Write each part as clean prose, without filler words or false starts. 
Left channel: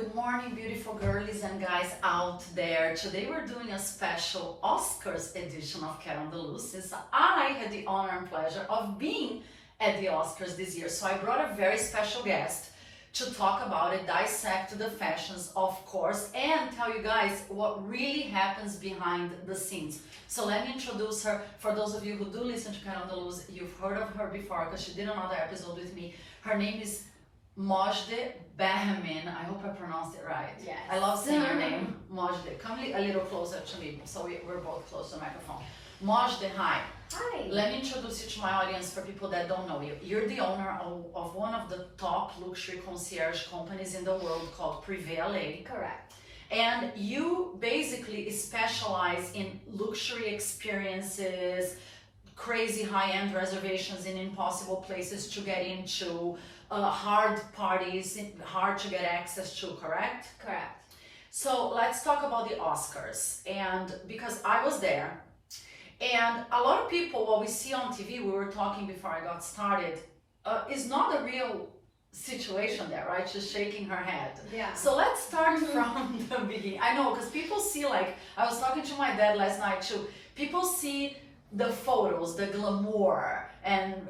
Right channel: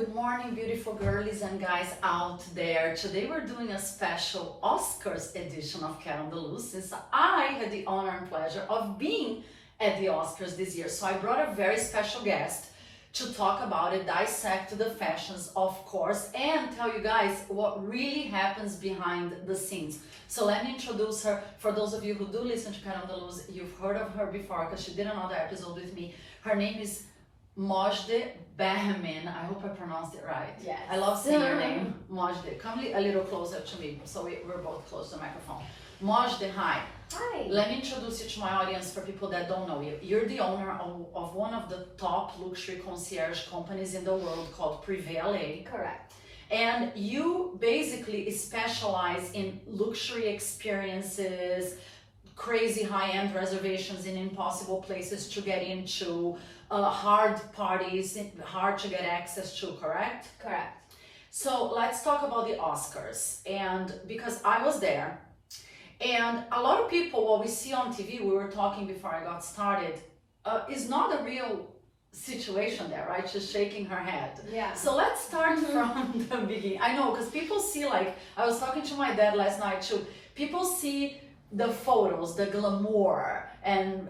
good morning, beautiful girlies and guys out there. Today we're doing a special Oscars edition of Cat on the Loose, since I had the honor and pleasure of being at the Oscars this year. So I brought a very special guest to talk about it, dissect the fashions, of course, and tell you guys what really happens behind the scenes. So let me introduce her. For those of you who do listen to Cat on the Loose, you've heard of her before because she did another episode with me. Her name is Mojde Bahman. I hope I pronounced it right. Yes. I love saying your name, Mojde. Come a little closer to me so we're both close to the microphone. Mojde, hi. Hi. Let me introduce you to my audience for people that don't know you. You're the owner of one of the top luxury concierge companies in the world called Privé LA. Correct. And you basically specialize in luxury experiences, crazy high-end reservations in impossible places to get into, hard parties, hard to get access to, correct? Correct. So let's talk about the Oscars. And because I was there, and a lot of people, what we see on TV, we were talking before I got started, is not a real situation there, right? She's shaking her head. Yeah. So let's start from the beginning. I know, because people see, like, I was talking to my dad last night too, people see the photos, the glamour, and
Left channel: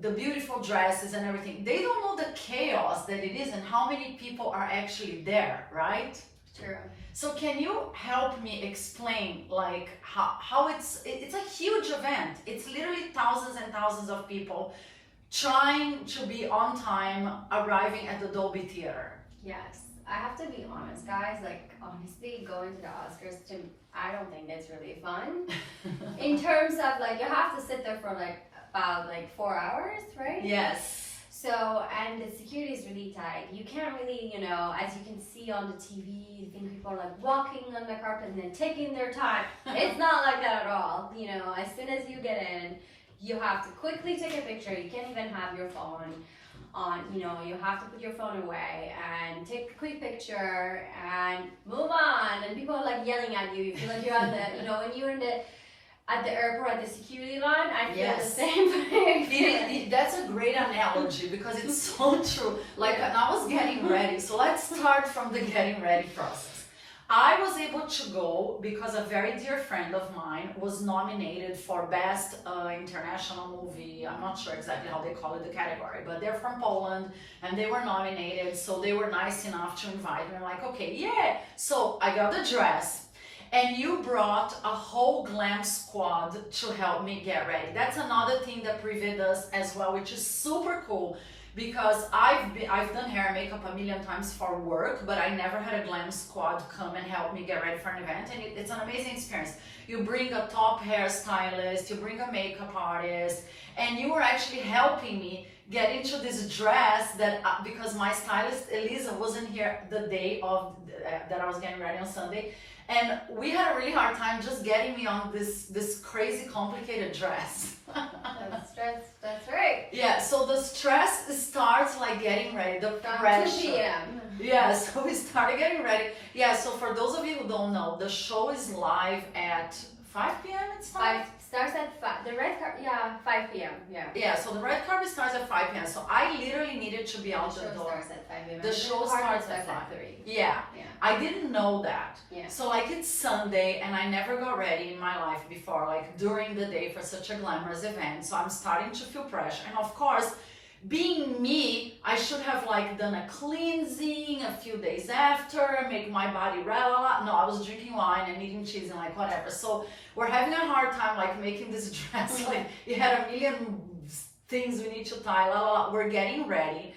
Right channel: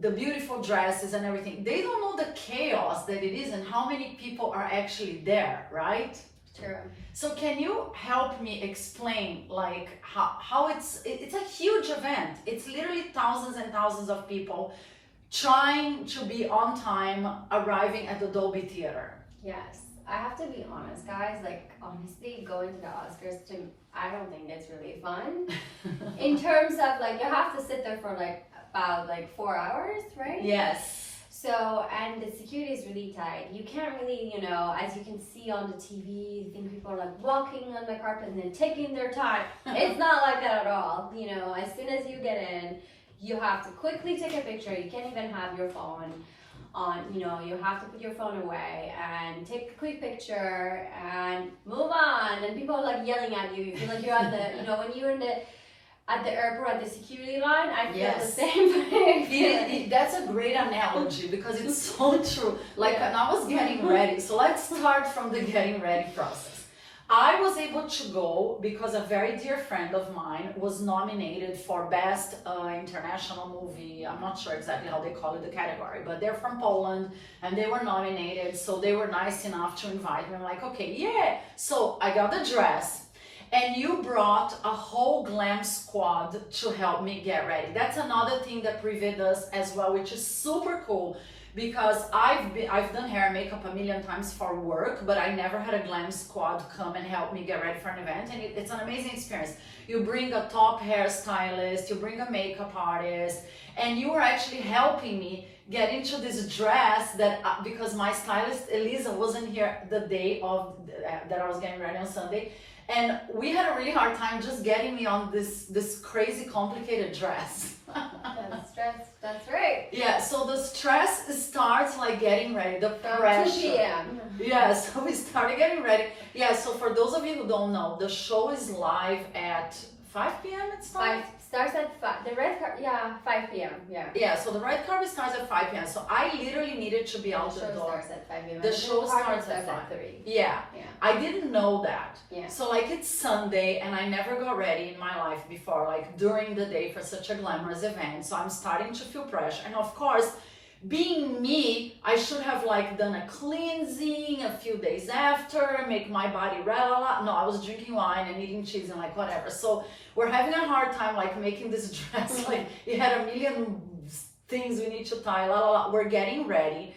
the beautiful dresses and everything. They don't know the chaos that it is and how many people are actually there, right? True. So can you help me explain, like, how it's a huge event. It's literally thousands and thousands of people trying to be on time, arriving at the Dolby Theater. Yes. I have to be honest, guys. Like, honestly, going to the Oscars, I don't think it's really fun. In terms of, like, you have to sit there for, like, about, 4 hours, right? Yes. So, and the security is really tight. You can't really, as you can see on the TV, you think people are, like, walking on the carpet and then taking their time. It's not like that at all. As soon as you get in, you have to quickly take a picture. You can't even have your phone on, you have to put your phone away and take a quick picture and move on. And people are like yelling at you. You feel like you're at the, when you're at the airport at the security line, I feel Yes. the same thing. That's a great analogy because it's so true. Like, when I was getting ready, so let's start from the getting ready process. I was able to go because a very dear friend of mine was nominated for Best International Movie. I'm not sure exactly how they call it, the category, but they're from Poland and they were nominated. So they were nice enough to invite me. I'm like, okay, yeah. So I got the dress and you brought a whole glam squad to help me get ready. That's another thing that Privé does as well, which is super cool. Because I've done hair and makeup a million times for work, but I never had a glam squad come and help me get ready for an event, and it's an amazing experience. You bring a top hairstylist, you bring a makeup artist, and you were actually helping me get into this dress that, because my stylist Elisa wasn't here the day of that I was getting ready on Sunday, and we had a really hard time just getting me on this crazy complicated dress. That's right. Yeah, so the stress starts like getting ready, the From pressure. 2 p.m. Yeah, so we started getting ready. Yeah, so for those of you who don't know, the show is live at 5 p.m. It's 5? Starts at 5. The red car, 5 p.m. Yeah. Yeah, so the red carpet starts at 5 p.m. So I literally needed to be out the show door. starts at 5 p.m. The show starts at 5. 3. Yeah. Yeah. I didn't know that. Yeah. So like it's Sunday and I never got ready in my life before, like during the day for such a glamorous event. So I'm starting to feel pressure. And of course, being me, I should have like done a cleansing a few days after, make my body No, I was drinking wine and eating cheese and like whatever. So we're having a hard time like making this dress. Like it had a million things we need to tie, We're getting ready.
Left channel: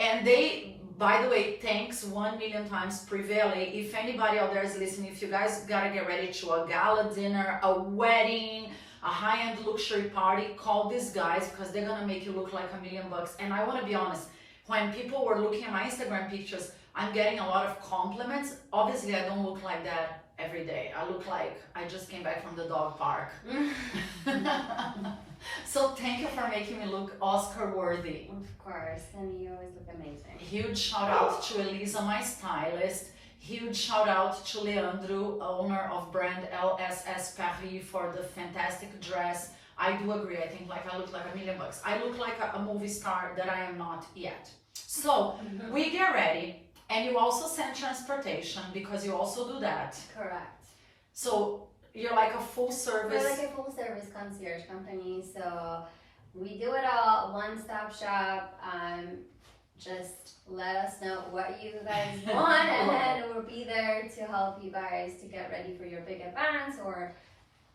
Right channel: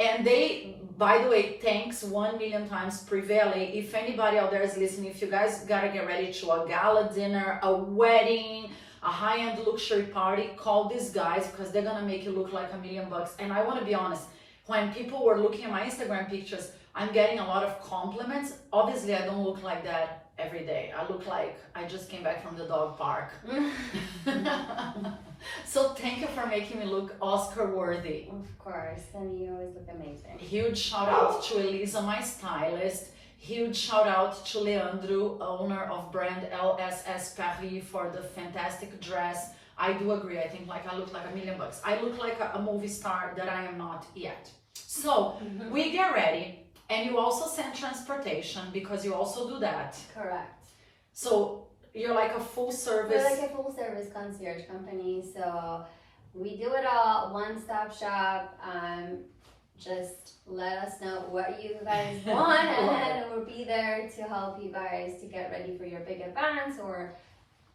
And they, by the way, thanks 1 million times Privé LA. If anybody out there is listening, if you guys gotta get ready to a gala dinner, a wedding, a high-end luxury party, call these guys because they're gonna make you look like $1 million. And I want to be honest, when people were looking at my Instagram pictures, I'm getting a lot of compliments. Obviously, I don't look like that every day. I look like I just came back from the dog park. So thank you for making me look Oscar worthy. Of course, and you always look amazing. Huge shout out to Elisa, my stylist. Huge shout out to Leandro, owner of brand LSS Paris, for the fantastic dress. I do agree. I think like I look like $1 million. I look like a movie star that I am not yet. So we get ready. And you also send transportation because you also do that. Correct. So you're like a full service. We're like a full service concierge company, so we do it all, one-stop shop. Just let us know what you guys want, and then we'll be there to help you guys to get ready for your big events, or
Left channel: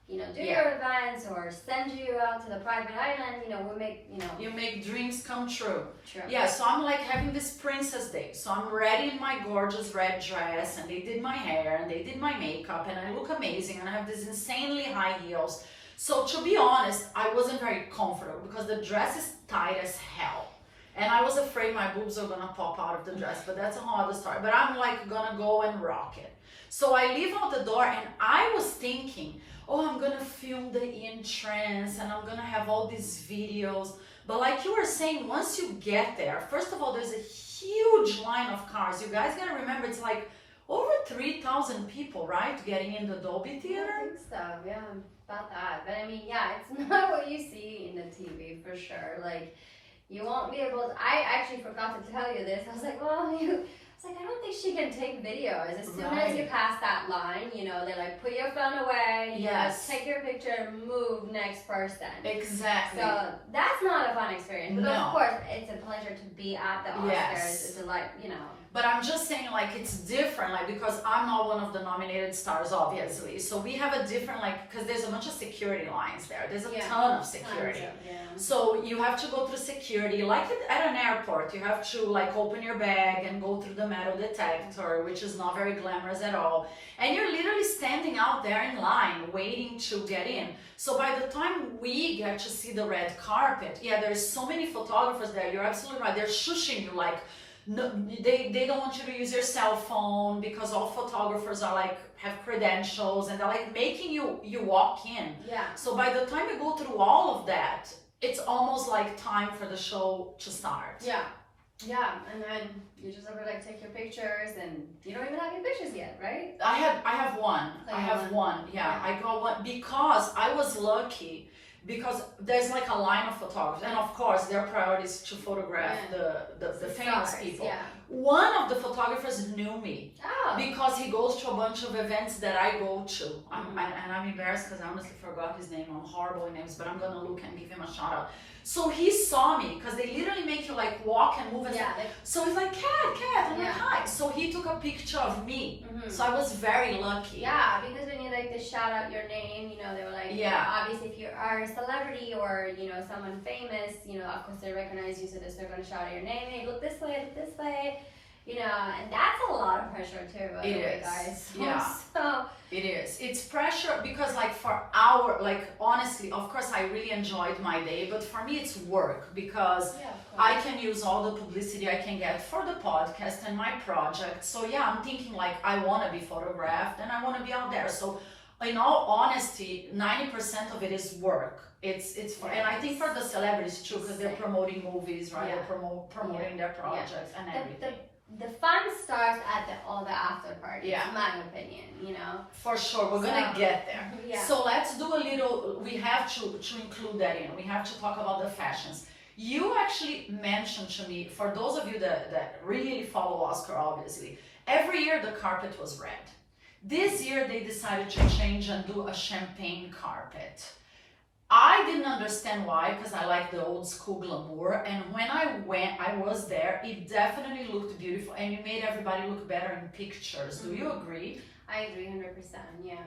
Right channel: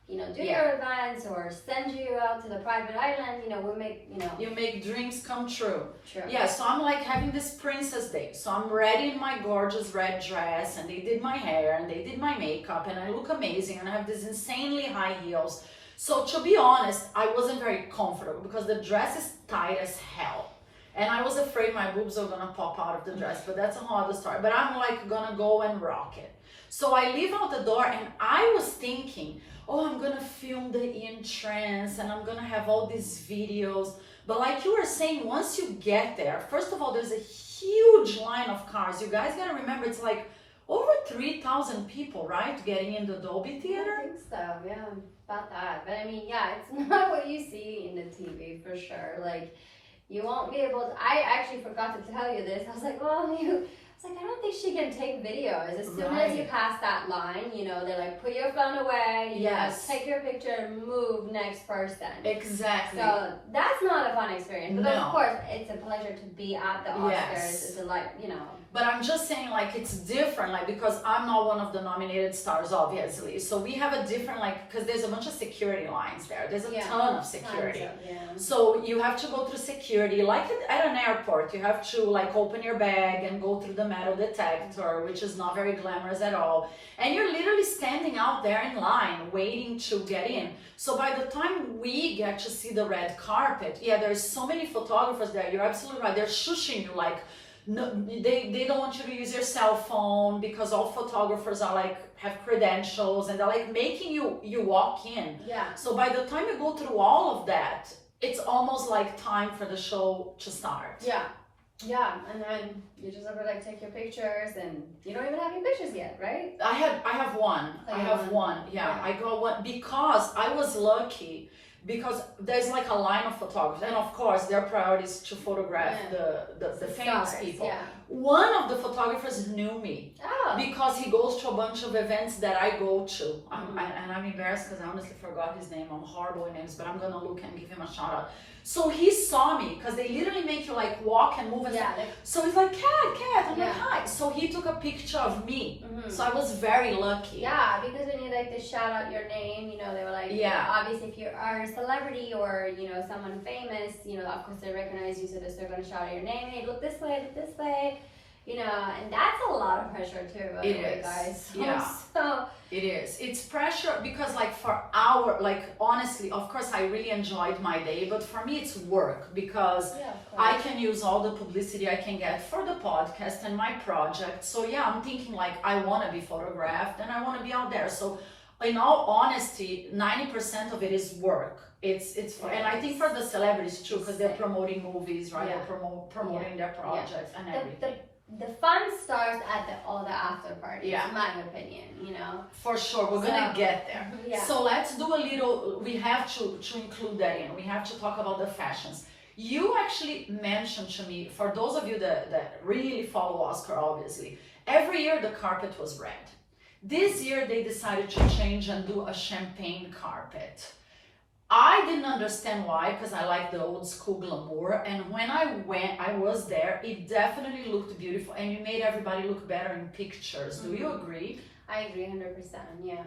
do your events, or send you out to the private island. We'll make You make dreams come true. True. Yeah, so I'm like having this princess day. So I'm ready in my gorgeous red dress, and they did my hair and they did my makeup, and I look amazing, and I have these insanely high heels. So to be honest, I wasn't very comfortable because the dress is tight as hell. And I was afraid my boobs are gonna pop out of the dress, but that's a whole other story. But I'm like gonna go and rock it. So I leave out the door, and I was thinking, oh, I'm gonna film the entrance and I'm gonna have all these videos. But like you were saying, once you get there, first of all, there's a huge line of cars. You guys gotta remember, it's like over 3,000 people, right, getting in the Dolby Theater? I think so, yeah, about that. But I mean, yeah, it's not what you see in the TV for sure. Like, you won't be able to, I actually forgot to tell you this. I was like, I don't think she can take videos. As soon as you pass that line, they're like, put your phone away, take your picture, move, next person. Exactly. So that's not a fun experience. But of course, it's a pleasure to be at the Oscars. It's But I'm just saying, like, it's different, like, because I'm not one of the nominated stars, obviously. So we have a different, like, because there's a bunch of security lines there. There's a ton of security. So you have to go through security, like at an airport. You have to, like, open your bag and go through the metal detector, which is not very glamorous at all. And you're literally standing out there in line, waiting to get in. So by the time we get to see the red carpet, there's so many photographers there. You're absolutely right. They're shushing you, like, no, they don't want you to use your cell phone because all photographers are like have credentials, and they're like making you walk in. Yeah. So by the time you go through all of that, it's almost like time for the show to start. Yeah, and then you just have to like take your pictures, and you don't even have your pictures yet, right? I have one. Yeah, I got one because I was lucky. Because there's like a line of photographers, and of course their priority is to photograph the famous people. One of the photographers knew me because he goes to a bunch of events that I go to. And I'm embarrassed because I honestly forgot his name. I'm horrible with names, but I'm gonna look and give him a shout out. So he saw me because they literally make you like walk and move and stuff. So he's like, Kat, I'm like, hi. So he took a picture of me. So I was very lucky. Yeah, because when you like to shout out your name, they were like, obviously if you are a celebrity or someone famous, of course they recognize you, so they're going to shout out your name. Hey, look this way, and that's a lot of pressure too, by the way, guys. So it is. It's pressure because like honestly, of course I really enjoyed my day, but for me it's work because I can use all the publicity I can get for the podcast and my project. So I'm thinking like I want to be photographed and I want to be out there. So in all honesty, 90% of it is work. It's for, and I think for the celebrities too, because they're promoting movies, right? They're promoting their projects and everything. The fun starts at all the after parties, in my opinion, For sure, we're gonna get there. So let's do a little, we have to include that in. We have to talk about the fashions. You actually mentioned to me, for those of you that really follow Oscar, obviously, every year the carpet was red. This year they decided to change and do a champagne carpet. I didn't understand why, because I like the old school glamour, and when I was there, it definitely looked beautiful, and you made everybody look better in pictures. Do you agree? I agree 100%, yeah.